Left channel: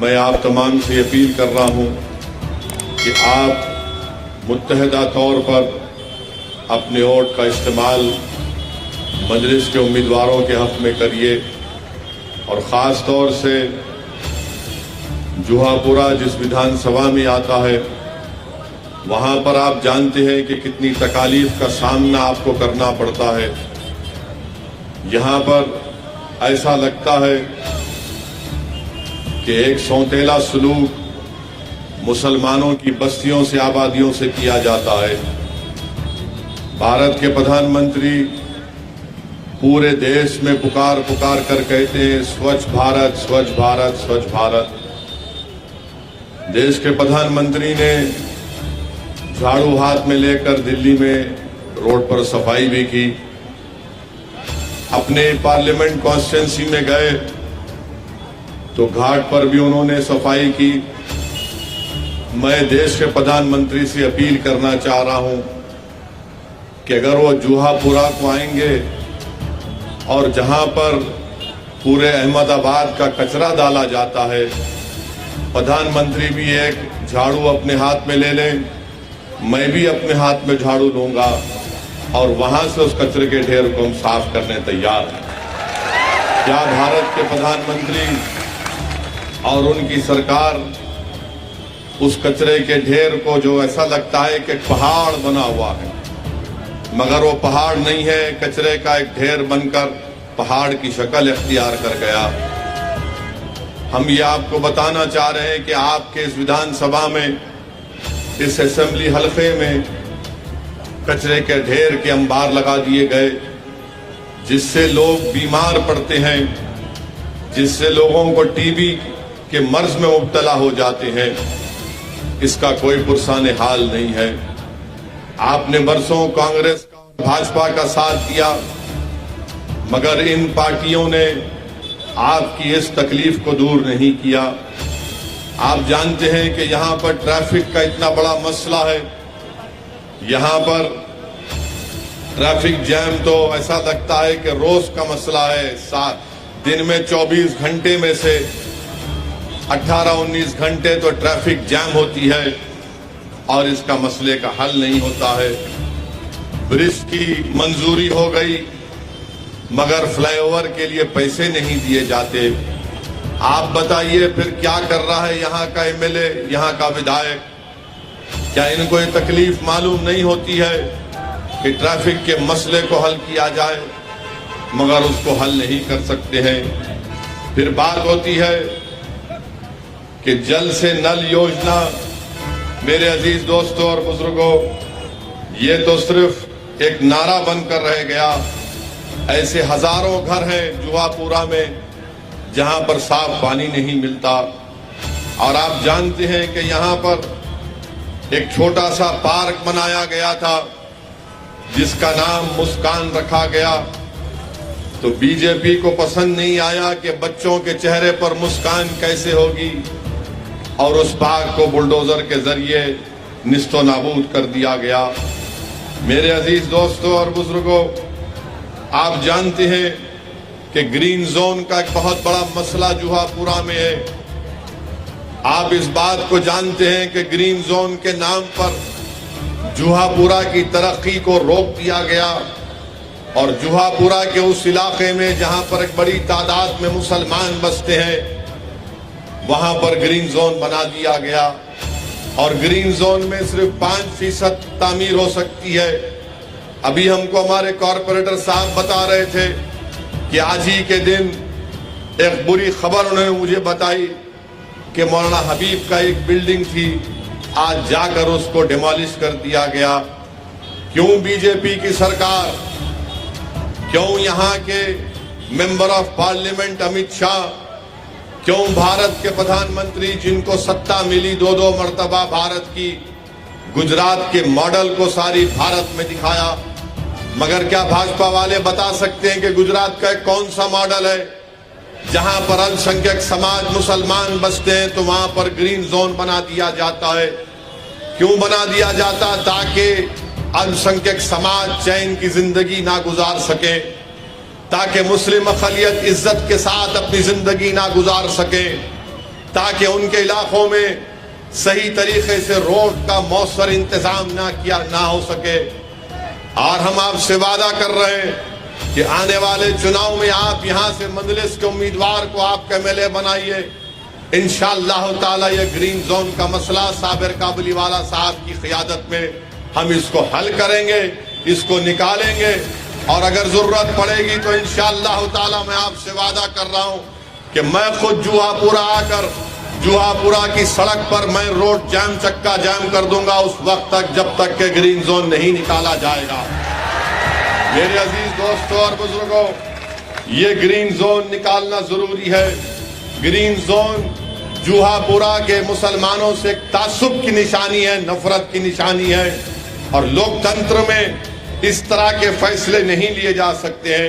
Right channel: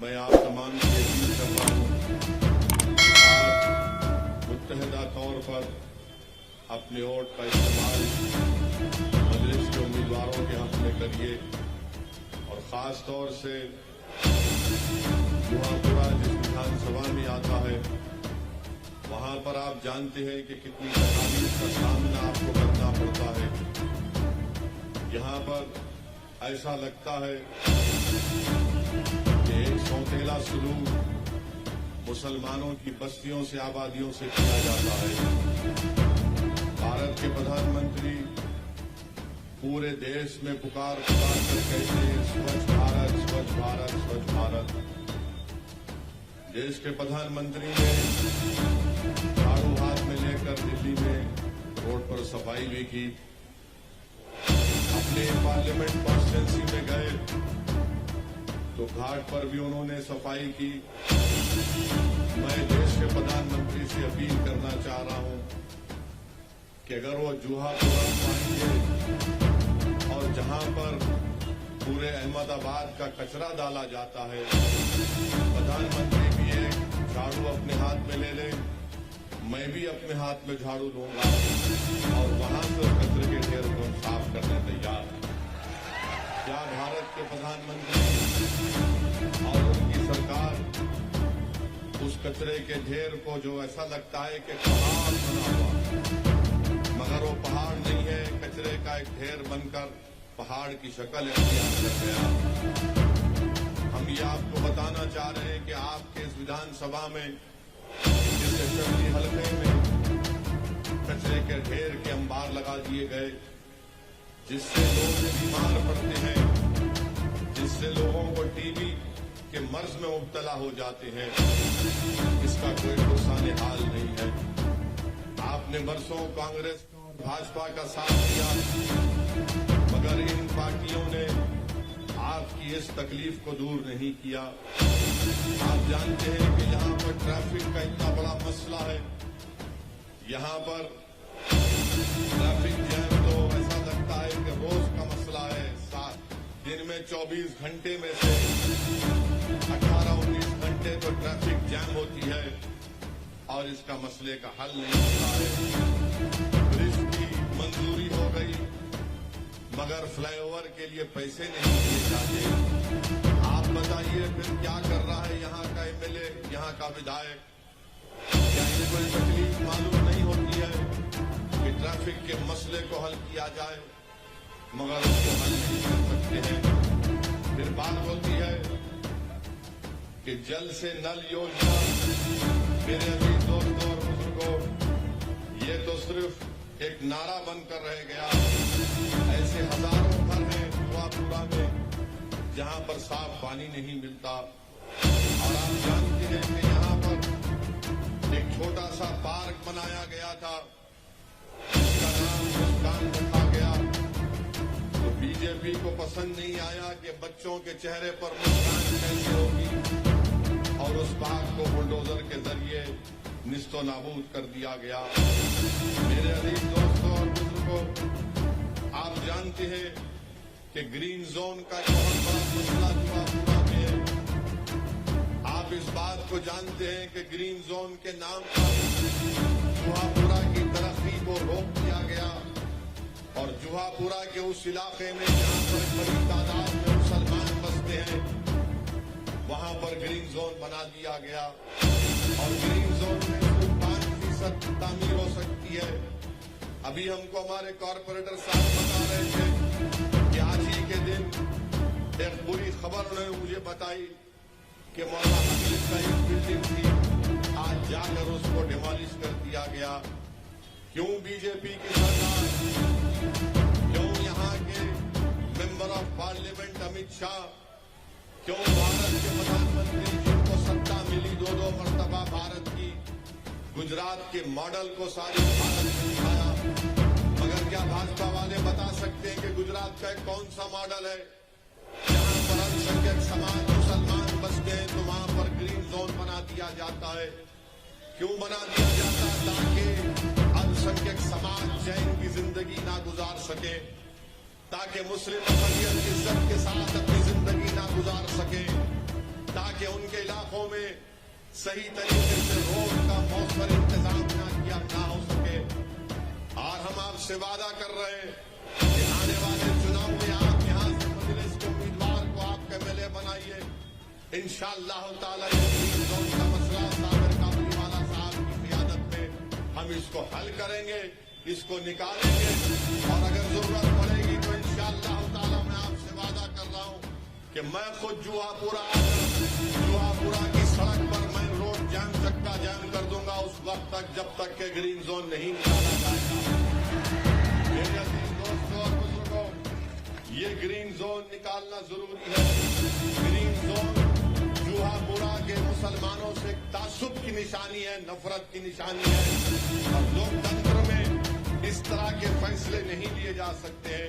میں آپ تمام سے اپیل کر رہا ہوں کہ آپ متحدہ طور پر اپنے ووٹ کا استعمال مجلس کے امیدواروں کے حق میں کریے، اور خاص طور سے جوہا پورہ جس ودھان سبھا میں آتا ہے وہاں پر آپ جانتے ہیں کہ کتنی تکالیف کا سامنا آپ کو کرنا پڑتا ہے۔ یہاں پر ایسا لگتا ہے کہ ایک سونتیلا سلوک مسلمانوں کی بستیوں سے آبادیوں سے کیا جاتا ہے۔ بھارت کے پردھان منتری پورے دیش میں پکار کر کہتے ہیں سوچھ بھارت، سوچھ بھارت، سوچھ بھارت۔ دیش کے پردھان منتری نے جھاڑو ہاتھ میں لے کر دلی میں روڈ پر صفائی بھی کی، اپنے پارلیمنٹ کانسٹیٹوئنسی میں گئے تو گھاٹ پر بھی انہوں نے صفائی کی۔ میں دیش کے پردھان منتری سے اپیل کرنا چاہ رہا ہوں کہ اگر وہ جوہا پورہ کو آئیں گے اور جہاں پر پورے احمد آباد کا کچرا ڈالا جاتا ہے، پردھان منتری بھی ایک جھاڑو اپنے ہاتھ میں لے لیں، میں بھی اپنے ہاتھ میں جھاڑو لوں گا اور وہاں سے اس کچرے کے ڈھیر کو ہم صاف کرنے تیار ہیں۔ کیا بھارت کے پردھان منتری اور ان کی سرکار اس کچرے کے ڈھیر کو، جو ایسا لگتا ہے کہ پہاڑ بنا ہوا ہے مگر وہ پہاڑ نہیں ہے، کچرے کا ایک ڈھیر بن کر پہاڑ کی شکل اختیار کر گیا۔ ہم یہ آپ کو بتانا چاہ رہے ہیں کہ آپ کے اس ودھان سبھا میں، اس اسمبلی حلقے میں کچرے کے ڈھیر کے انبار لگا دیے گئے، جس سے لوگ بیمار پڑتے ہیں، جس سے لوگوں کو ٹی بی کے مرض میں مبتلا ہو جاتے ہیں۔ اس کا کوئی پرسان حال نہیں ہے۔ آپ نے برسوں کانگریس اور بھاجپا کا ساتھ دیا مگر ان پارٹیوں نے آپ کی اس تکلیف کو دور نہیں کیا۔ آپ جانتے ہیں کہ یہاں پر ٹریفک کا اتنا بڑا مسئلہ ہے، یہاں پر ٹریفک جیم تو ایسا لگتا ہے کہ روز کا مسئلہ ہے۔ دن میں 24 گھنٹے میں سے 18-19 گھنٹے تو ٹریفک جیم ہوتی ہے اور اس کا مسئلے کا حل نہیں ہوتا ہے۔ برج کی منظوری ہو گئی مگر فلائی اوور کے لیے پیسے نہیں دیے جاتے۔ آپ بتائیے پھر کیا کر رہا ہے یہاں کا ایم ایل اے، یہاں کا ودھایک؟ کیا ان کو یہ تکلیف معلوم نہیں ہوتی ہے کہ ٹریفک کے مسئلے کو حل کیا جائے؟ مگر اس کو حل نہیں کر سکتے ہیں۔ پھر بات ہوتی ہے کہ جل سے نل یوجنا۔ میرے عزیز دوستوں اور بزرگوں، یہ تو صرف ایک نعرہ بن کر رہ گیا۔ ایسے ہزاروں گھر ہیں جوہا پورہ میں جہاں پر صاف پانی نہیں ملتا، اور آپ جانتے ہیں کہ یہاں پر ایک چھوٹا سا پارک بنایا گیا تھا جس کا نام مسکان رکھا گیا، تو بی جے پی کو پسند نہیں آیا کہ بچوں کے چہرے پر مسکان کیسے ہوگی، اور اس پارک کو بلڈوزر کے ذریعے نیست و نابود کر دیا گیا۔ میرے عزیز دوستوں اور بزرگوں، آپ جانتے ہیں کہ گرین زون کا ایک بہت بڑا مسئلہ جوہا پورہ میں ہے۔ آپ اس بات کو جانتے ہیں کہ گرین زون کے نام پر جوہا پورہ کی ترقی کو روک دیا گیا، اور جوہا پورہ کے اس علاقے میں جہاں پر ایک بڑی تعداد میں مسلمان بستے ہیں وہاں پر گرین زون بنا دیا گیا، اور گرین زون میں صرف 5% تعمیر ہو سکتی ہے۔ ابھی ہم کو ہمارے کارپوریٹر صاحب بتا رہے تھے کہ آج ہی کے دن ایک بری خبر انہوں نے مجھے بتائی کہ مولانا حبیب کا ایک بلڈنگ تھی، آج جا کر اس کو ڈیمالش کر دیا گیا۔ کیوں بی جے پی کی سرکار، کیوں یہاں کے member of parliament Amit Shah, کیوں بھارت کے پردھان منتری جن کو ستہ ملی 2 مرتبہ بھارت کی، گجرات کے ماڈل کو ساری بھارت میں دکھایا، مگر کیا بھاجپا والے بتا سکتے ہیں کہ گجرات کا کون سا ماڈل ہے جہاں پر السنکھیک سماج مسلمان بستے ہیں تو وہاں پر گرین زون بنا دیا جاتا ہے؟ کیوں بنا دیا جاتا؟ تاکہ السنکھیک سماج چین کی زندگی نہ گزار سکے، تاکہ مسلم اقلیت عزت کے ساتھ اپنی زندگی نہ گزار سکے، تاکہ ان کے علاقوں میں صحیح طریقے سے روڈ کا مؤثر انتظام نہ ہو سکے. اور ہم آپ سے وعدہ کر رہے ہیں کہ آنے والے چناؤ میں آپ یہاں سے مجلس کے امیدوار کو آپ کا MLA بنائیے. انشاءاللہ تعالی یہ گرین زون کا مسئلہ صابر کابلی والا صاحب کی قیادت میں ہم اس کو حل کریں گے, اس کو نکالیں گے. اور اگر ضرورت پڑے گی تو انشاءاللہ تعالی میں آپ سے وعدہ کر رہا ہوں کہ میں خود جوہا پورا آ کر جوہا پورا کی سڑک پر میں روڈ جام چکا جام کر دوں گا اس وقت تک جب تک کہ گرین زون نہیں نکالا جائے گا. میرے عزیز دوستوں اور بزرگوں, یہ گرین زون نکالنا ضروری ہے. گرین زون جوہا پورا کے مسلمانوں سے تعصب کی نشانی ہے, نفرت کی نشانی ہے, اور لوک تنتر میں اس طرح کے فیصلے نہیں لیے جا سکتے ہیں.